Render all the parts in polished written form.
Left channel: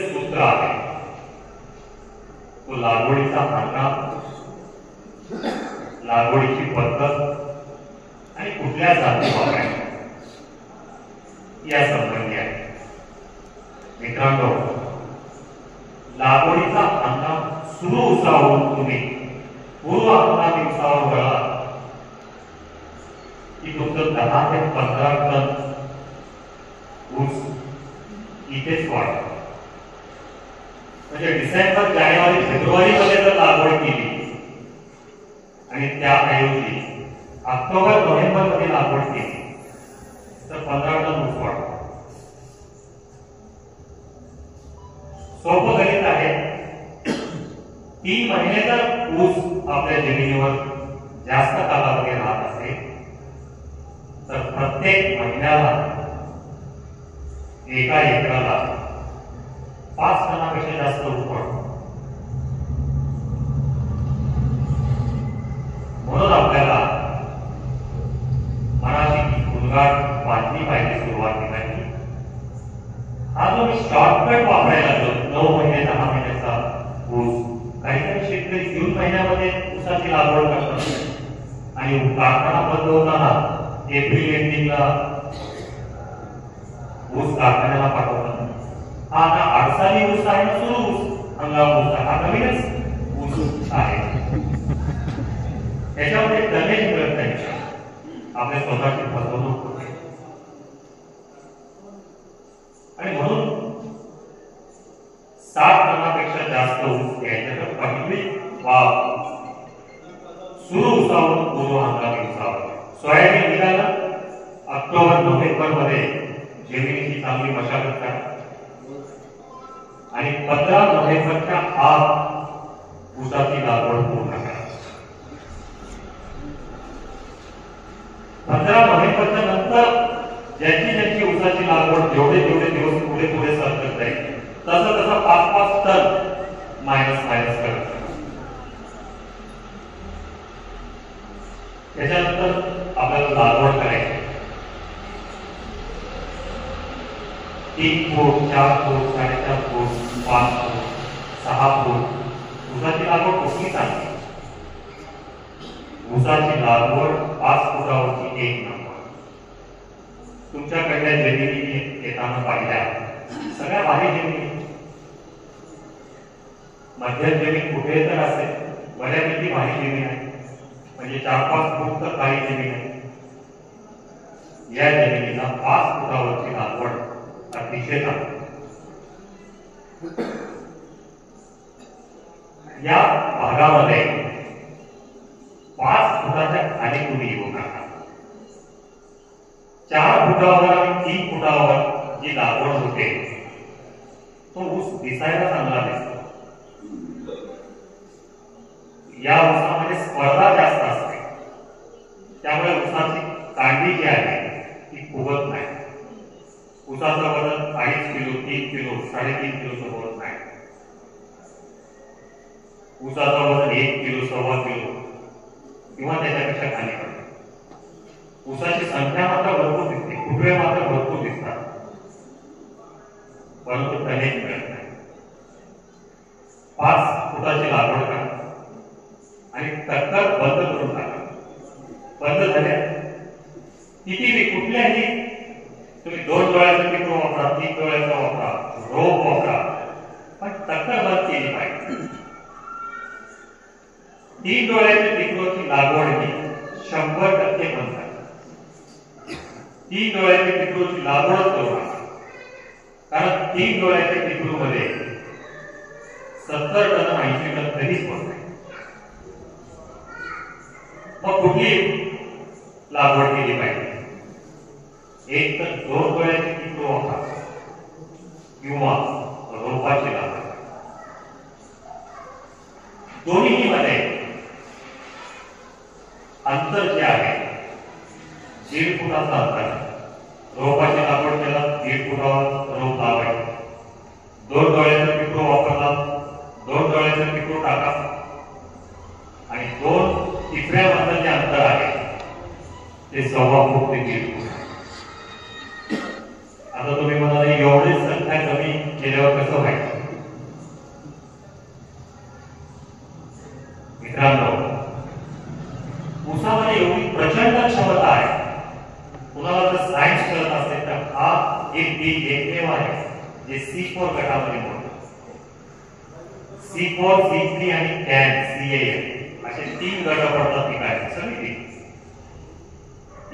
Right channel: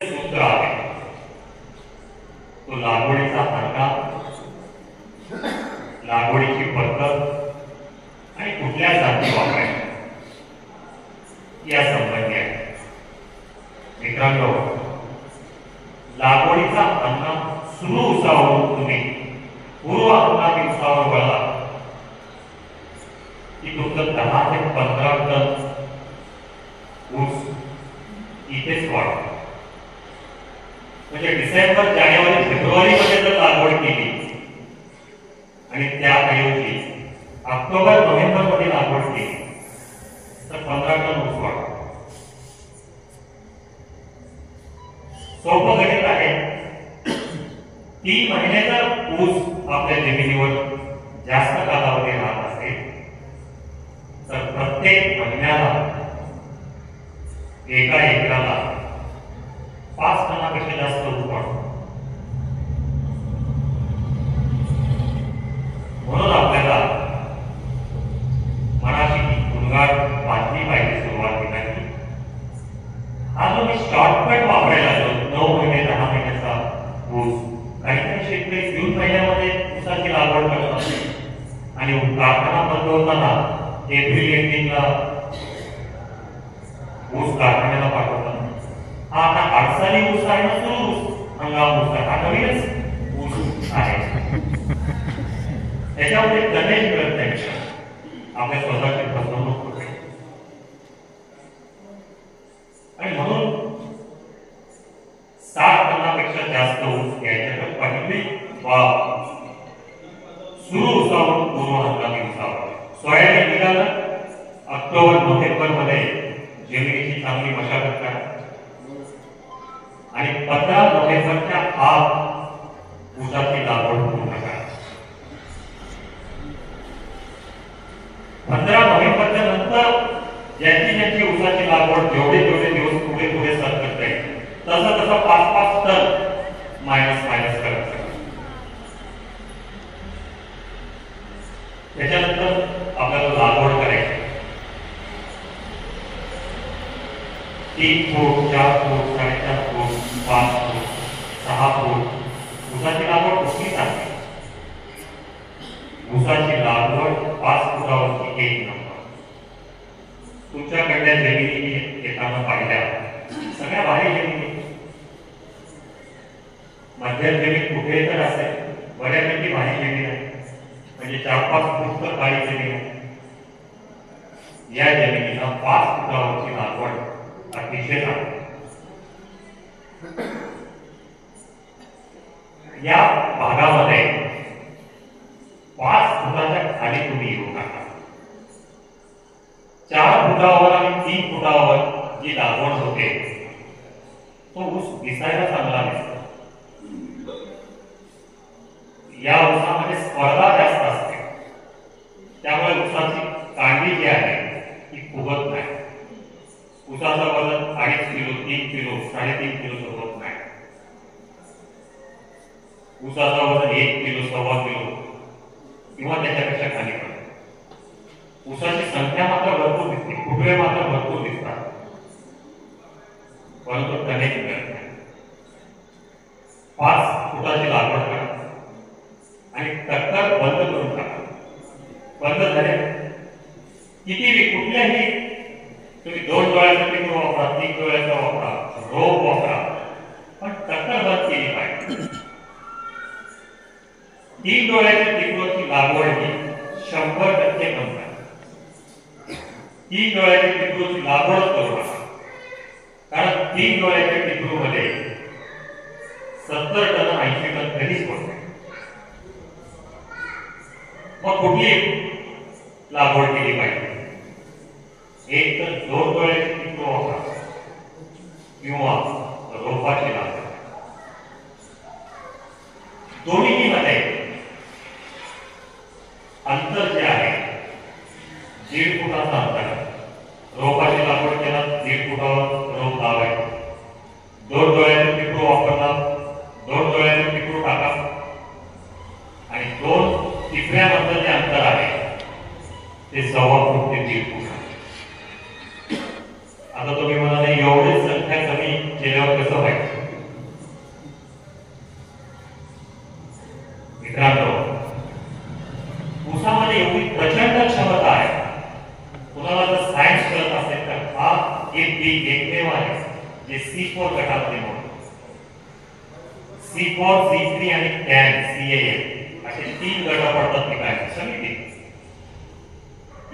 सूत्र आहे तो लागवडीचा हंगाम, लागवडीची पद्धत आणि कुठल्या जाती वापरायच्या या संबंधी आहे. मित्रांनो, लागवडीचा हंगाम सुरू उसावरून तुम्ही पूर्व हंगामी उसावर वळा की तुमचं 10 ते 15 टन ऊस इथेच वाढतो. म्हणजे डिसेंबर, जानेवारी, फेब्रुवारी मध्ये जर लागवड केली आणि त्याऐवजी ऑक्टोबर, नोव्हेंबर मध्ये लागवड केली तर 15 टन ऊस वाढतो. सोपं गणित आहे. 3 महिन्याचा ऊस आपल्या जमिनीवर जास्त कालावधी राहत असेल तर प्रत्येक महिन्याला एका एकराला 5 टनापेक्षा जास्त ऊस वाढतो. म्हणून आपल्याला मनाची भुंगार बांधली पाहिजे सुरुवातीला. हा जो मी शॉर्टकट वापरायला लागलो 9 महिने 10 महिन्याचा ऊस, काही शेतकरी जून महिन्यामध्ये ऊसाची लागवड करतात आणि कारखाना बंद होताना एप्रिल एंडिंगला ऊस कारखान्याला पाठवतात. हा आता आडसाली ऊस आहे ना, सुरू ऊस हंगाम ऊस आहे, हा नवीनच ऊस आहे. त्याच्यामध्ये गणेश मिळत नाही, आपल्या स्वतःची फसवणूक होते. आणि म्हणून 60 टनापेक्षा जास्त ऊस घ्यायचे तर पहिली वाव सुरू उसावरून पूर्व हंगामी उसावर. सोयाबीन निघालं ऑक्टोबर, नोव्हेंबर मध्ये जमिनीची चांगली मशागत करा आणि 15 नोव्हेंबरच्या आत ऊसाची लागवड पूर्ण करा. 15 नोव्हेंबरच्या नंतर ज्याची ऊसाची लागवड जेवढे दिवस पुढे सरकत जाईल तसं 5-5 टन मायनस करत. त्याच्यानंतर आपल्याला लागवड करायची 3 फूट, 4 फूट, 4.5 फूट, 5 फूट, 6 फूट ऊसाची लागवड कुठली चांगली? ऊसाची लागवड 5 फुटावरची 1 नंबर. तुमच्याकडल्या जमिनी येताना पाहिल्या सगळ्या भारी जमिनी, मध्यम जमीन कुठे तर असेल, बऱ्यापैकी भारी जमीन आहे, म्हणजे 4-5 फूट तर भारी जमीन आहे. या जमिनीला 5 फुटावरची लागवड अतिशय चांगली. या भागामध्ये 5 फुटाच्या खाली तुम्ही येऊ नका. 4 फुटावर आणि 3 फुटावर जी लागवड होते तो ऊस दिसायला चांगला दिसतो. या ऊसामध्ये स्पर्धा जास्त असते, त्यामुळे ऊसाची कांडी जी आहे ती फुगत नाही. ऊसाचं वजन 2.5 किलो, 3 किलो, 3.5 किलो होत नाही. ऊसाचं वजन 1 किलो, 1.25 किलो किंवा त्याच्यापेक्षा खाली पडतं. ऊसाची संख्या मात्र भरपूर दिसते, फुटवे मात्र भरपूर दिसतात, परंतु कनेक्ट मिळत नाही. 5 फुटाची लागवड करा आणि टक्कर बंद करून टाका. बंद झाले किती कुठल्याही तुम्ही 2 डोळ्याचा पिकू वापरा, 3 डोळ्याचा वापरा, रोप वापरा, पण टक्कर बंद केली पाहिजे. 3 डोळ्याच्या पिकूची लागवड ही 100% बंद आहे. 3 डोळ्याच्या पिकूची लागवड करू नका, कारण 3 डोळ्याच्या पिकूमध्ये 70 टन 80 टन कधीच होत नाही. मग कुठली लागवड केली पाहिजे? एक तर 2 डोळ्याची पिकू वापरा किंवा रोपाची लागवड. दोन्ही मध्ये अंतर जे आहे 1.5 फुटाचा अंतर आहे. रोपाची लागवड केला 1.5 फुटावर रोप लावायचं. 2 डोळ्याचं पिकू वापरला, 2 डोळ्याचं पिकू टाका आणि 2 टिपऱ्याबद्दल जे अंतर आहे ते 1.25 फूट ते 1.5 फूट. आता तुम्ही म्हणाले एवढी संख्या कमी केल्यावर कसं व्हायचं? मित्रांनो, ऊसामध्ये एवढी प्रचंड क्षमता आहे. कुणाला जर सायन्स कळत असेल तर हा एक पीक एकमेव आहे जे C4 गटामध्ये मोडतो. C4, C3 आणि CAN, CAN असे 3 गट पडतात पिकाचे समिती.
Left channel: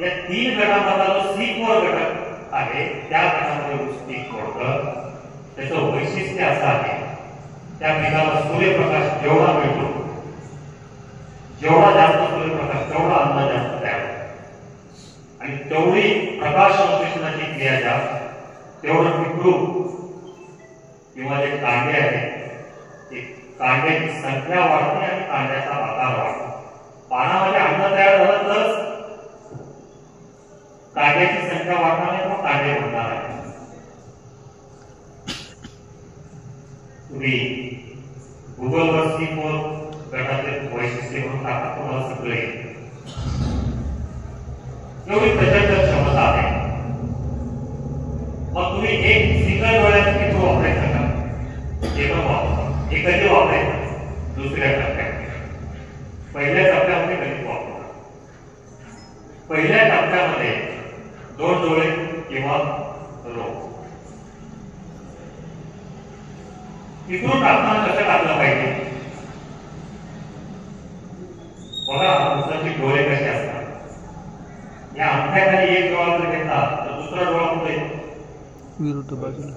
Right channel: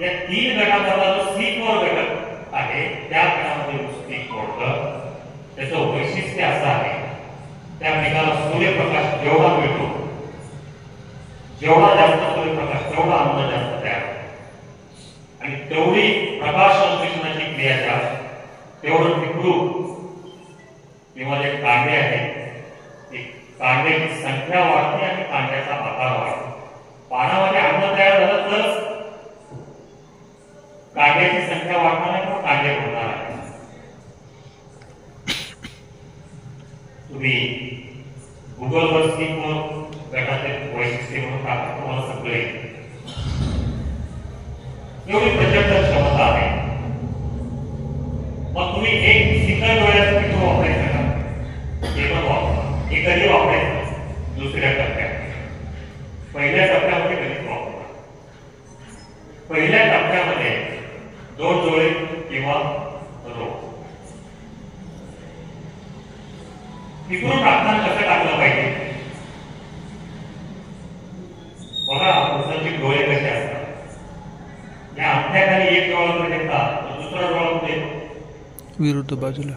या 3 गटामधला जो C4 गट आहे त्या गटामध्ये ऊस पीक मोडतं. त्याचं वैशिष्ट्य असं आहे, त्या पिकाला सूर्यप्रकाश जेवढा मिळतो, जेवढा जास्त सूर्यप्रकाश तेवढा अन्न जास्त तयार होतो आणि तेवढी प्रकाश संश्लेषणाची क्रिया जास्त, तेवढं पिकळू किंवा जे कांडे आहेत कांड्याची संख्या वाढते आणि कांड्याचा आकार वाढतो. पानामध्ये अन्न तयार झालं तर कांड्याची संख्या वाढणार आहे किंवा कांडे होणार आहे. तुम्ही गुगलवर C4 गटाचे वैशिष्ट्य म्हणून टाका, तुम्हाला सगळे एवढी प्रचंड क्षमता आहे. मग तुम्ही एक सिकल डोळ्याचं पिक वापरायचं का? हे पण वापरा. हे कधी वापरायचं? दुसऱ्या टप्प्यात. पहिल्या टप्प्यामध्ये कधीच वापरा. पहिल्या टप्प्यामध्ये 2 डोळे किंवा रोप. इकडून टाकताना कसं टाकलं पाहिजे? बघा, ऊसाचे डोळे कसे असतात. या अंगठ्याखाली एक डोळा जर घेतला तर दुसरा डोळा कुठे येतो? विरुद्ध बाजूला.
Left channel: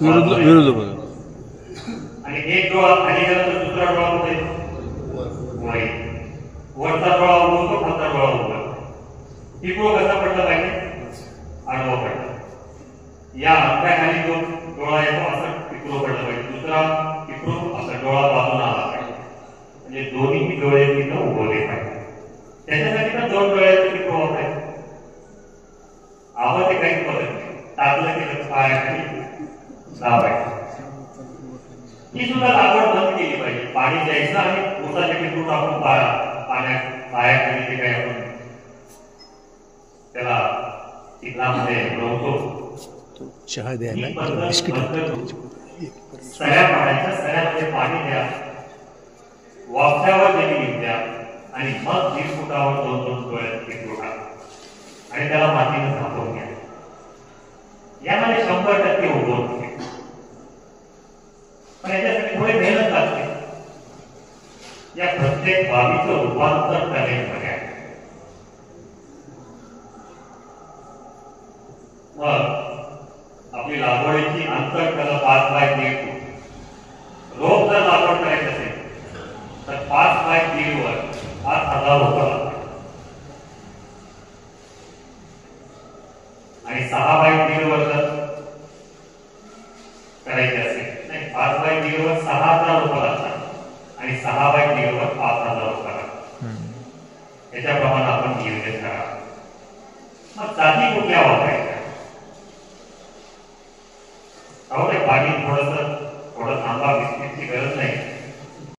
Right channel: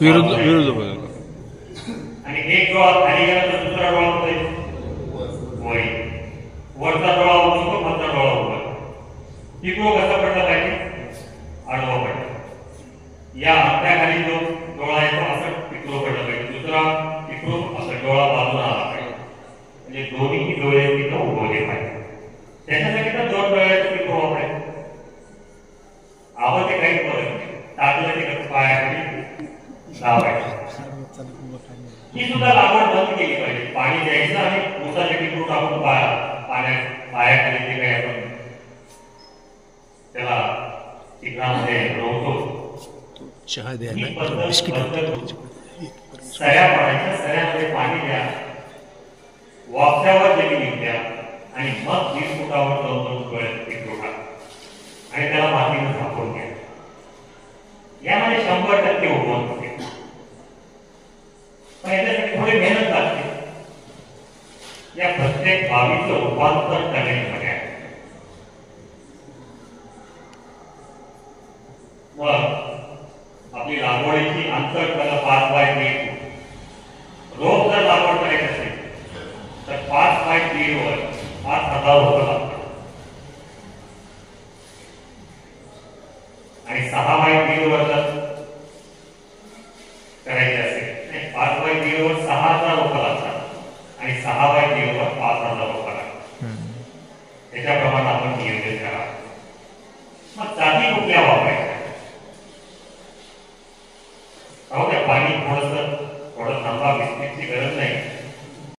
विरुद्ध बाजूला. आणि एक डोळा खाली गेला तर दुसरा डोळा कुठे येतो? वर. वरचा डोळा उघडतो, खालचा डोळा उघडतो. पिकळो कसा पडला पाहिजे? आडवा पडला. या अंगठ्याखाली जो डोळा येतो असं पिकळो पडला पाहिजे. दुसरा पिकळो असा डोळा बाजूला आला पाहिजे. म्हणजे दोन्ही डोळे तिथं उगवले पाहिजे. त्याच्यासाठी तर 2 डोळ्याचे पिकळो वापरायचे. आवाज ते काहीच बघत नाही. टाकलं की कसं पायाखाली लावायचं. ही सुद्धा लागवड बंद केली पाहिजे. पाणी द्यायचं आणि ऊसाचे पिकळो टाकून पायाखाली जे काही आपण त्याला चिखलामध्ये रोवतो, चहा द्यायला बिस्किट सऱ्या पाडायच्या. सऱ्यामध्ये पाणी द्या, वाफ्यावर जमिनीत द्या आणि मग 20 फुटावर 2-2 डोळ्याचं पीक टाका आणि त्याला मातीनं झाकून घ्या. यामध्ये 100% उगवण होते. पण याच्यासाठी थोडी मेहनत लागते. या प्रत्येक बाबीचं रूपांतर करण्यामध्ये आहे. मग आपली लागवडीची अंतर त्याला 5 बाय 1.5. रोप जर लागवड करायची असेल तर 5 बाय 1.5 वर 5,000 रोपं लागतात आणि 6 बाय 1.5 वर जर करायचे असेल, नाही 5 बाय 1.5 वर 6,000 रोपं लागतात आणि 6 बाय 1.5 वर 5,000 रोपं लागतात. त्याच्याप्रमाणे आपण नियोजन करा. मग जाती कुठल्या वापरायच्या?